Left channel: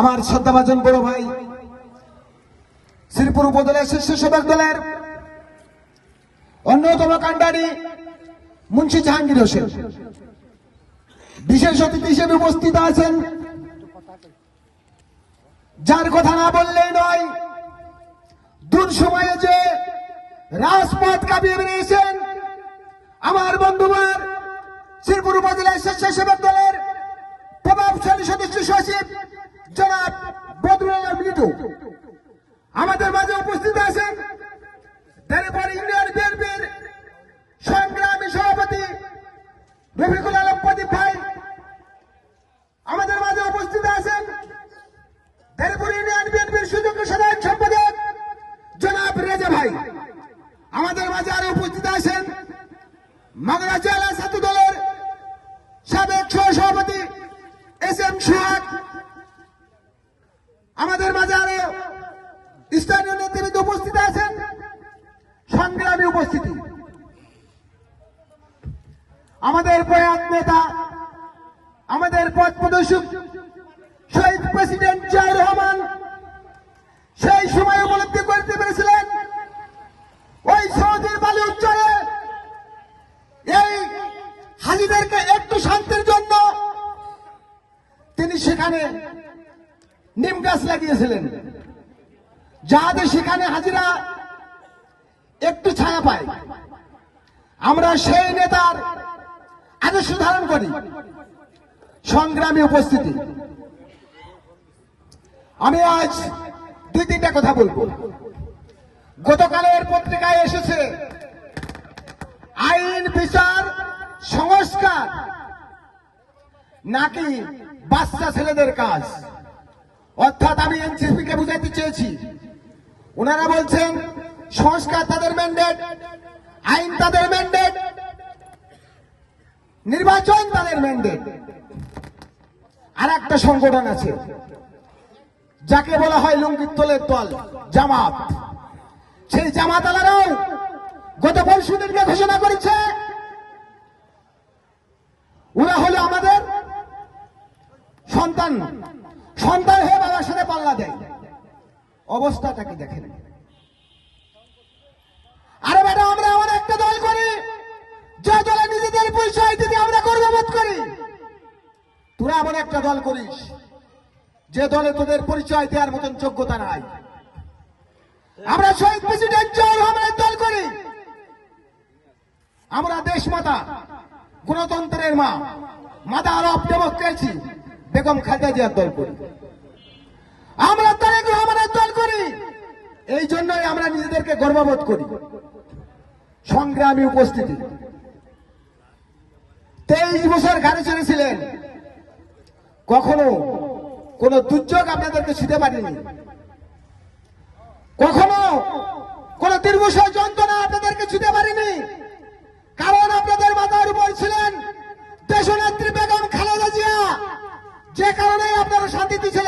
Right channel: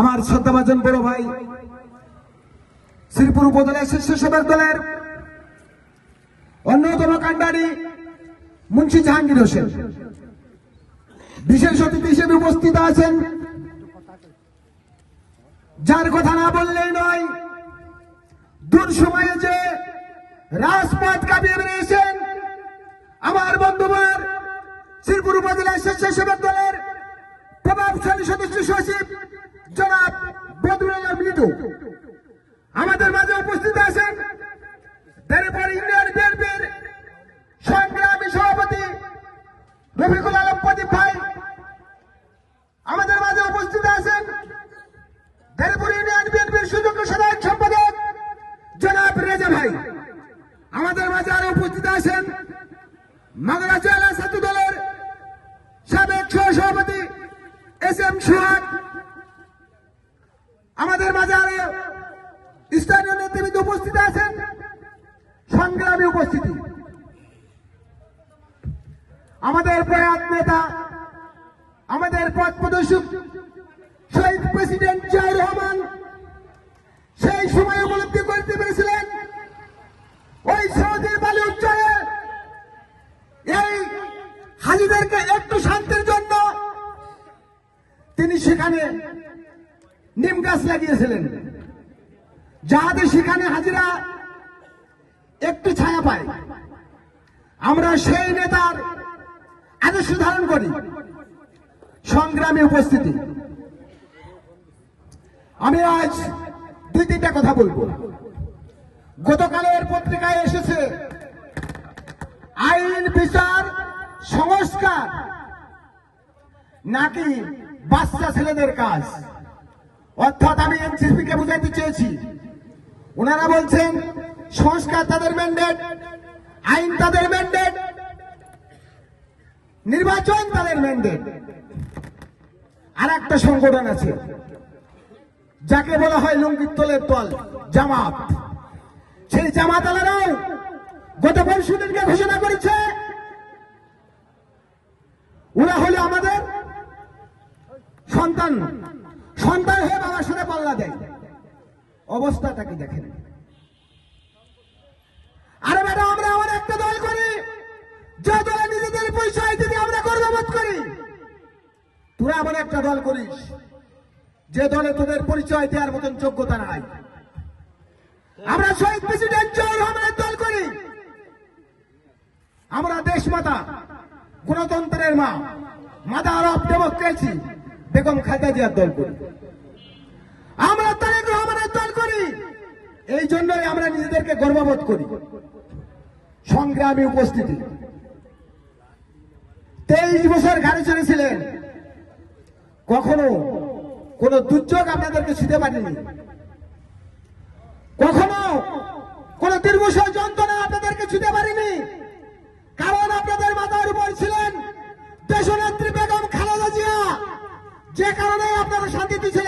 আমার শ্রদ্ধাভাজন বড় ভাই শ্রীপুর উপজেলার স্বেচ্ছাসেবক দলের অন্যতম কাণ্ডারি মুন্সি জাহাঙ্গীর হোসেন বিশেষ অতিথি হিসেবে উপস্থিত আছেন, যার কথা না বললেই নয়। দূর সময়ে যে রাজপথ কাঁপিয়ে বেরিয়েছেন আমার বন্ধুবার শ্রীপুর উপজেলার স্বেচ্ছাসেবক দলের প্রভাবশালী সদস্য সচিব জনাব বদরুল আলম লিটু আমাদের মাঝে উপস্থিত আছেন। দেড়পর ইউনিয়ন বিএনপির সংগ্রামী সভাপতি রফিকুল আলম প্রদীপ ভাই আমাদের মাঝে উপস্থিত আছেন। দেড়পর ইউনিয়ন বিএনপির সুযোগ্য সাধারণ সম্পাদক জনাব রেজা ভাই আমাদের মাঝে আরো উপস্থিত আছেন। মাগুরা জেলা ছাত্র দলের সাবেক সহসভাপতি এস এম সোহাগ আমাদের মাঝে আরো স্থানীয় নেতৃবৃন্দ উপস্থিত আছেন। সংগ্রামী উপস্থিতি আমাদের প্রয়াত নেতা, আমাদের পথ প্রদর্শক শহীদ প্রেসিডেন্ট জিয়াউর রহমান সেই সময় উপলব্ধি করতে পেরেছিলেন ওই সৌদির বালি উচ্চারে এই হাজিদেরকে একটু শান্তির জন্য তিনি সেখানে নিম গাছ লাগিয়েছিলেন, যাতে সেখানে হাজিরা একটু ছায়া পায়। আমরা সেই নেতার আদর্শ ধারণ করি। সংগ্রামী উপস্থিতি আমি আজ দুই তিনটা কথা বলবো। গতকালের পত্রিকায় এসেছে আইন বিচার সংস্কার নাকি বাচ্চা ছেলেদের কাজ, অর্থাৎ আমি এনসিপি কে বুঝাতে চেয়েছি। ওনারা বলছেন সংস্কার তাদের ম্যান্ডেট, আইন তাদের ম্যান্ডেট, নির্বাচন তাদের ম্যান্ডেট। আর একটা সংগঠন আছে যাকে বলা হয় লুঙ্গির তলের দল, জামাত। সেই জামাত আলারাও গত পরশুদিনকে ঘোষণা করেছে ওরা হলো আমাদের সন্তান, সন্তান হয়ে বাবার সাথে পাল্লা দেয়। অবস্থাটাকে দেখেন। আরে বেটা, আমরা আমার একটা দল করি যে দলে নিজেদের পরিচয় দিতে আমরা গর্ববোধ করি। তোরা আবার একটা দল করিস যে দলে তোদের পরিচয় দেওয়ার মতন যোগ্যতা নাই। আমরা শহীদ প্রেসিডেন্ট জিয়াউর রহমানের দল করি। আমরা দেশ মাতা, গণতন্ত্রের মা, mother of democracy Begum Khaleda জিয়ার দল করি। আমরা তারেক রহমানের দল করি। এই জন্যই আমরা নিজেদেরকে গর্ববোধ করি। সংগ্রামী উপস্থিতি 23 বছর ঘাড়ে চড়েছিলেন, কখনো কোন দুর্যোগ আপনাদেরকে ছুঁতে পারেনি, কখনো কোন দীর্ঘ যন্ত্রণা আপনাদেরকে ছুঁতে পারেনি।